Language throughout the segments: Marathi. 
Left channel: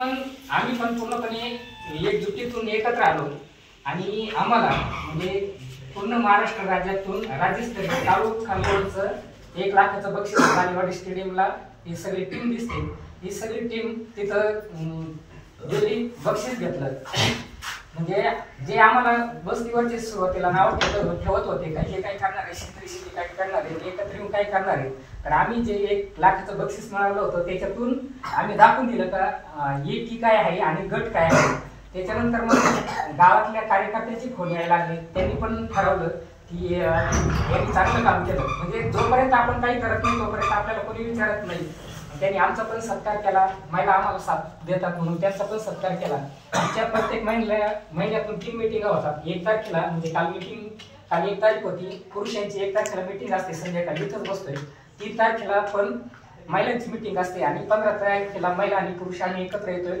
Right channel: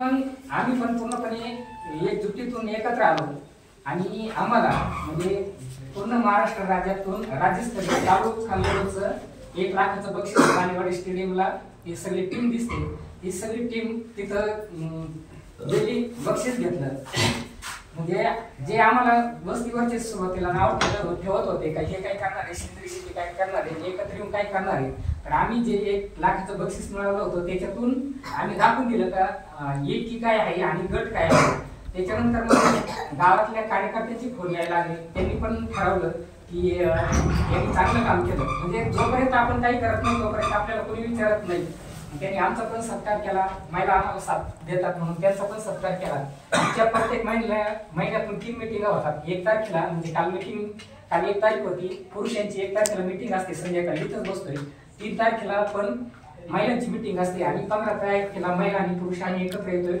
पण आम्ही पण पूर्णपणे एकजुटीतून एकत्र आलो आणि आम्हाला म्हणजे पूर्ण महाराष्ट्र राज्यातून राज्यस्तरीय तालुक्याचं 1 लाखाचं बक्षीस कालीवाडी स्टेडियमला ही सगळी टीम दिसते। ही सगळी टीम तिथं गेली बक्षीस घेतलं। म्हणजे जे आम्हाला बसतीवरचे सुरुवातीला नाव ठेवत होते का हे काय करणार आहे, शेतकरी शेती काय करणार आहे, एकत्र येऊन काय करणार आहे, तर आम्ही जे 1 लाखाचं बक्षीस मिळवलं होतं त्याच्यातून आम्ही दाखवून दिलं का एकी काय आहे आणि गट काय आहे। त्याच्यानंतर मग गावातल्या कार्यकर्त्यांची फोन यायला लागले, त्यांनी पण ठरवलं की यांनी चांगलं काम केलं। म्हणजे जोपर्यंत आपण काही करत नाही तोपर्यंत आपल्याला कोणी विचारत नाही। त्यांनी आमचा पण सत्कार केला, महिला आम्हाला साथ देतात म्हणून त्यांचा पण सत्कार केला। आमच्या प्रत्येक महिन्यातून 3 मीटिंग होतात। 1 तारखेला म्हणजे काल 1 तारीख होती, पुरुषांची 1 तारखेला मीटिंग असते, संध्याकाळी इथंच बसतोय। 3 तारखेला पण महिलांची मीटिंग असते आणि 15 तारखेला महिला आणि पुरुषांनी एकत्र येतोय,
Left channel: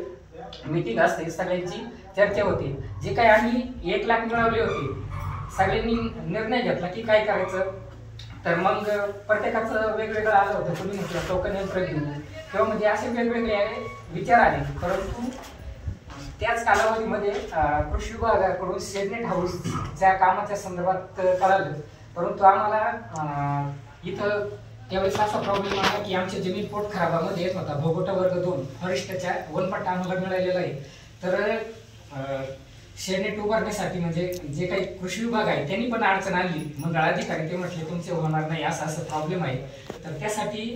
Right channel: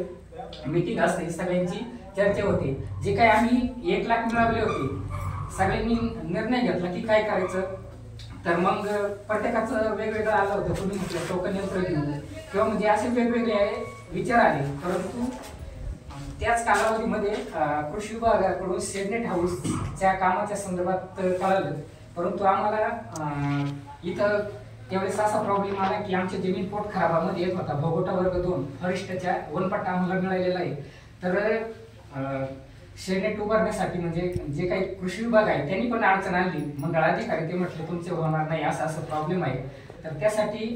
मीटिंग असते, सगळ्यांची चर्चा होते। जे काही आम्ही 1 लाख मिळवले होते सगळ्यांनी निर्णय घेतला की काय करायचं, तर मग प्रत्येकाचं वेगवेगळं आलं होतं। कोणी म्हटलं टोकन यंत्र घेऊन किंवा म्हणजे असे वेगवेगळे विचार आले। परंतु त्याच कालावधीमध्ये कृषी विभागाकडून शेडनेट हाऊसच्या कामाच्या संदर्भात कळालं। परंतु आम्हाला इथं त्यावेळेस असा प्रॉब्लेम आला की आमच्या जमीन पोट खराबामध्ये येत होता। भोगोटा वर्ग 2 फॉरेस्टच्या वनपट्टा आम्हाला मिळालेला आहे। तर शेडनेट उभारण्यासाठी म्हणजे जे काही कृषी विभाग आहे त्यांनी पण अडचण आणली। मंडळाधिकारी ते म्हटले तुमचे होणार नाही, असा प्रॉब्लेम आहे। तर त्यासाठी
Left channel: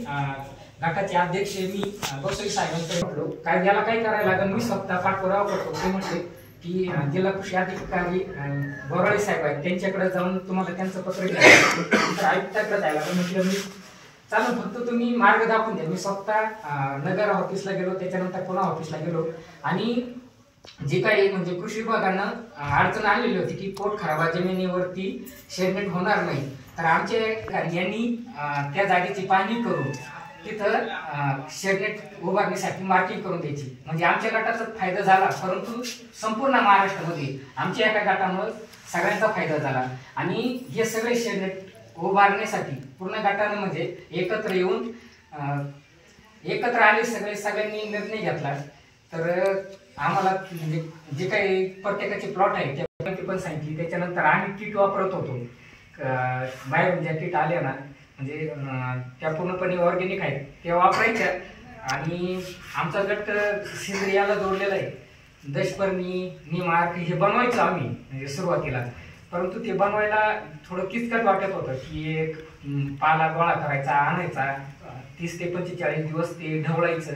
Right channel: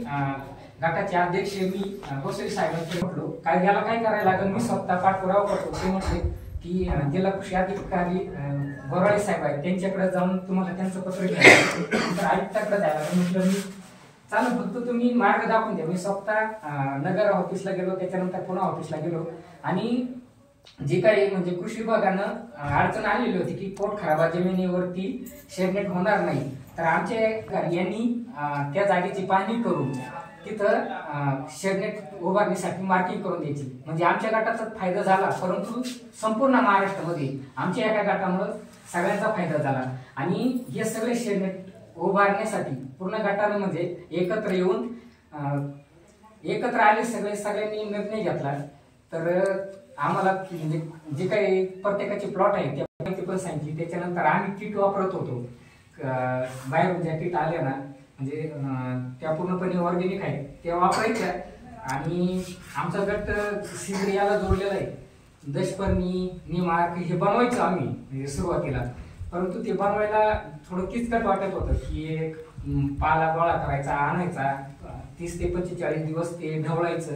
गटाचे अध्यक्ष मी बक्षी साहेबांकडे म्हटलो काय याला काय करायला लागेल, मी स्वतः पाठपुरावा करतो। ते म्हटले की जिल्हा कृषी अधिकारी बोराळे साहेब आहेत त्यांच्याकडे जाऊन तुम्हाला त्यांचं पत्र घ्यायचं, तर आयुक्ताकडे जायला म्हटलं मी चालू, फक्त तुम्ही मार्ग दाखवून द्या। मी स्वतः नगर ऑफिसला गेलो, त्याच्यानंतर पुन्हा ऑफिसला गेलो आणि जे काही म्हणजे कृषी विभागानं अडचण आलेली होती की पोट खराबा जमिनीवरती शेडनेट होणार नाही, तर आमच्या यांनी त्या जागेची पाहणी करून तिथं शेडनेट उभारण्यासाठी मार्किंग करून द्यायची। म्हणजे आमच्या गटाचा फायदा झाला, परंतु संपूर्ण महाराष्ट्रामध्ये आमच्या एका गटामुळे सगळ्यांचा फायदा झाला। आणि हे सगळे शेडनेट उभारण्यासाठी पूर्ण गटाने म्हणजे एकत्र येऊन एकत्र आले, सगळ्यांनी निर्णय घेतला। तर आम्हाला म्हणजे जे काही प्रत्येकाचे प्लॉट आहे त्या पण सांगितली। त्याच्यानंतर आम्ही किट वापरत होतो, बाहेरून ज्या किट आल्या ना म्हणजे त्या पूर्णपणे ऑर्गॅनिक आहेत त्या वापरायच्या। आणि आमचा गट सेंद्रियाला जोडलेला आहे, दशपर्णी निमार्क हे बनवायचं आम्ही म्हणजे सुरुवातीला। परंतु ते बनवायला थोडं किचकट वाटत होतं की एक पाला गोळा करायचा, आणायचा, 30 ते 45 दिवस ते ढवळायचं।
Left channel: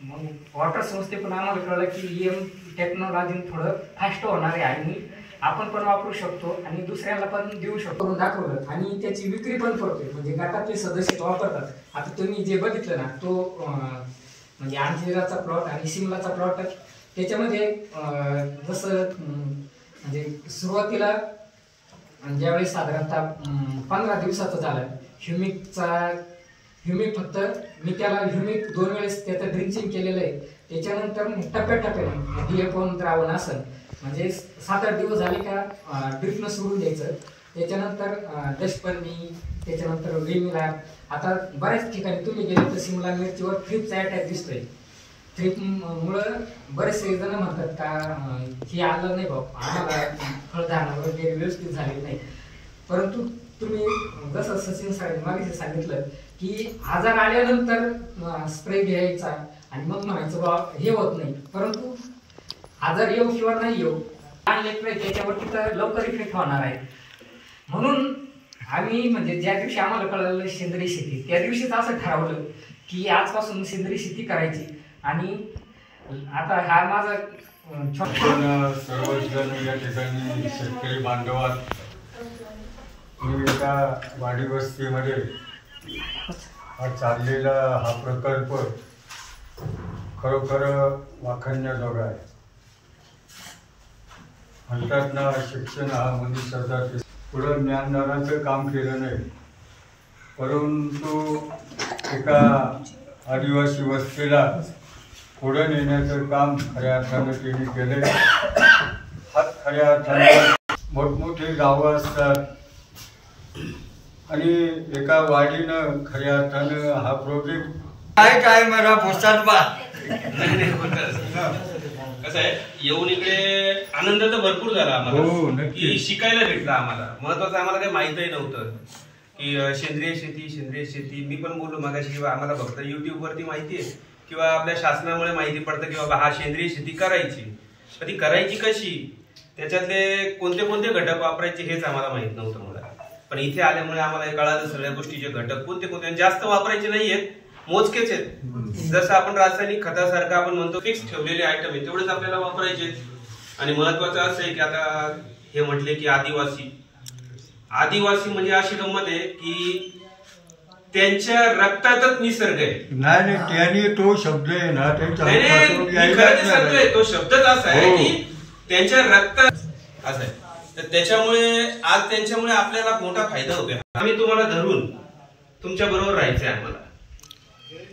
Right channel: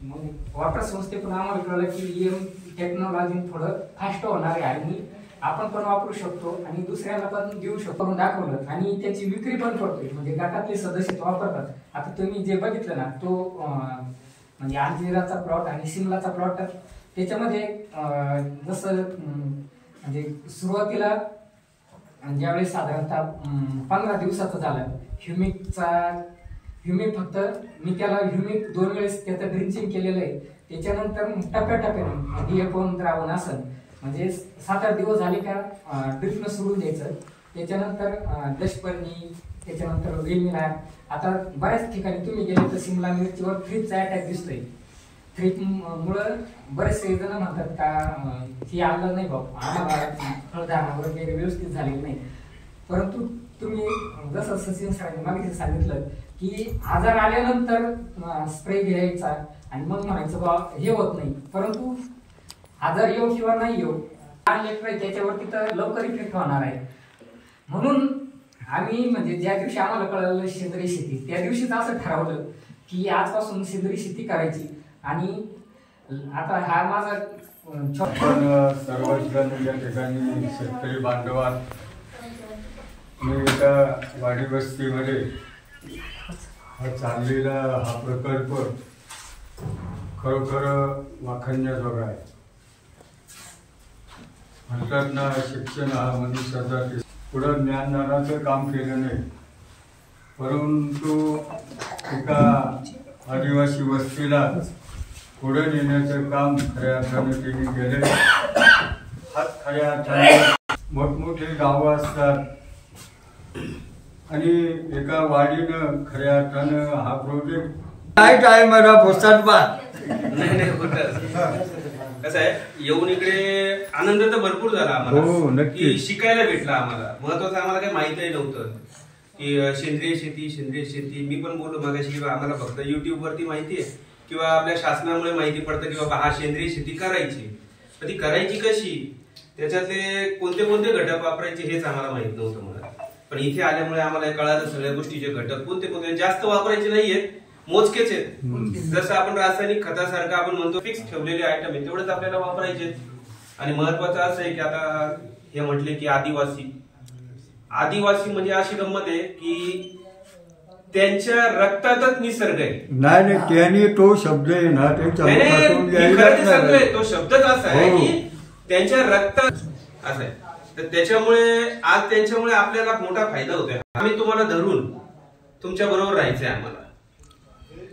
मग वॉटर संस्थेतून आम्हाला कळलं की टेक्नॉलॉजी थोडं फास्ट होणार आहे आणि आपण पण वापरू शकतो आणि दुसऱ्याला पण देऊ शकतो दाखवलं। आणि त्याची विक्री पण करतोय, म्हणजे गटातले सदस्य वापरतात। आता तुम्ही जे बघितलं ना तो म्हणजे अंजिराचा प्लॉट आणि शिमलाचा प्लॉट, त्याच्यामध्ये जसं म्हणजे सुरुवातीला ज्यावेळी साधारणतः 15 दिवसाचं झालं ह्युमिक फक्त मी त्याला ह्युमिक 2 वेळेस त्याचं ड्रिंचिंग केलेलं आहे। त्याच्यानंतर टप्प्याटप्प्याने DAP द्रावण असं म्हणजे 7-8 दिवस झाले का ड्रिपनं सोडून द्यायचं। त्याच्यानंतर दशपर्णी, त्याच्यानंतर वेमिला। आता बऱ्याच ठिकाणी तुम्ही गेले तर शिमला मिरचीवर थ्रिपचा अटॅक दिसतोय। थ्रिपमुळं बरेचसे जण म्हणतात का हे आलं नाही भाऊ, आम्हाला फळधारणा वगैरे व्यवस्थित झालेली नाही। परंतु तुम्ही जसं सचिन सरांनी मागे सांगितलं की आजार आल्यानंतर स्प्रे घ्यायचा आणि मग म्हणायचं बा हे होत नाही, परंतु आजार येऊ किंवा नाही येऊ लहान लेकरं त्याच्यावरती तर लवकर इफेक्ट होणार आहे। म्हणून आम्ही म्हणजे ज्या दिवशी आम्हाला कळलं सेंद्रिय शेती त्या दिवशीच असं ठरवलं की आजपासून सेंद्रिय शेती करायची। आणि आता हा माझा सर्वजण या ठिकाणी शेतकरी बांधवात मी एका वाडी वस्तीमध्ये हा चाललेला हा प्रकल्प खरोखर वाखाणण्याजोगा आहे। म्हणतात ना शिक्षण हा मनुष्याचा पुढं ज्ञानदानाचं काम केलं नाही, परंतु एका आदिवासी वस्तीला पुढं नेण्याचं काम खऱ्या अर्थानं त्यांनी केलं। खऱ्या अर्थानं मोठमोठी गावं असतात आणि एका वाडीनं खऱ्या अर्थानं हा प्रोजेक्ट काय मला भोसाट बा कसं आहे, येऊन इकडे आनंद तर भरपूर झाला हो, आम्हाला, नक्की. की शिकायला भेटलं आम्हाला. महत्वाचं आम्हाला काही माहितही नव्हतं की सेंद्रिय शेती. मी पण बोललो मागाशी किंवा आम्हाला फक्त युट्यूब वरती माहिती आहे किंवा आपल्या शासनामुळे माहिती पडतं की बाबा हा सेंद्रिय शेती करायची, पण ती करायची कशी, त्याच्यातले कोणते कोणते घटक वापरायचे हेच आम्हाला माहित नव्हतं मला. पण इथे आल्यामुळे आम्हाला कळालं सगळ्या गोष्टीचे घटक कोणते कोणते, जास्त वापरायचे नाहीयेत, मोजकेच आहेत. जसं आपण रासायनिक खतासारखं आपण म्हणतो फिक्स ठेवलेले आयटम आहे तेवढेच आपल्याला वापरायचे. आणि महत्वाचं असं आहे की आता हे म्हटले की आदिवासी म्हणजे अशी गंमत आहे की त्यांच्या रक्तातच निसर्ग आहे. नाही त्याने तो शब्द आहे ना तो शब्दच असा आहे की त्यांच्या रक्तात असं आहे. तर त्याच्यामुळे आज त्यांच्यामुळे आपल्याला मोठा फायदा होतोय. आम्ही तुम्हाला धरून तुमच्या बरोबर राहायचंय आम्हाला,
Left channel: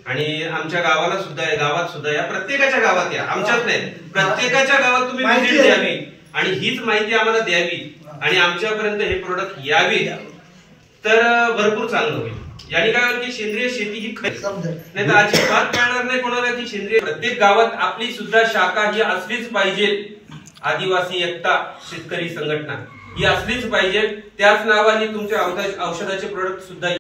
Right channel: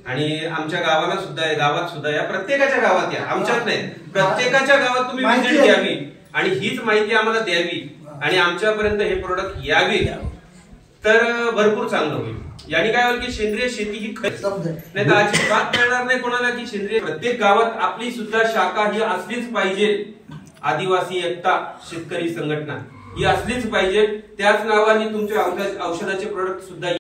आणि आमच्या गावाला सुद्धा, गावात सुद्धा या, प्रत्येकाच्या गावात या, आमच्यात नाही, प्रत्येकाच्या गावात तुम्ही व्हिजिट द्यावी आणि हीच माहिती आम्हाला द्यावी आणि आमच्यापर्यंत हे प्रोडक्ट यावे, तर भरपूर चांगलं होईल. याने काय होईल की सेंद्रिय शेती ही नाही तर अजिबात कळणार नाही कोणाला की सेंद्रिय. प्रत्येक गावात आपली सुद्धा शाखा ही असलीच पाहिजे. आदिवासी एकता शेतकरी संघटना ही असलीच पाहिजे. त्याच नावाने तुमच्या औषधाचे प्रोडक्ट सुद्धा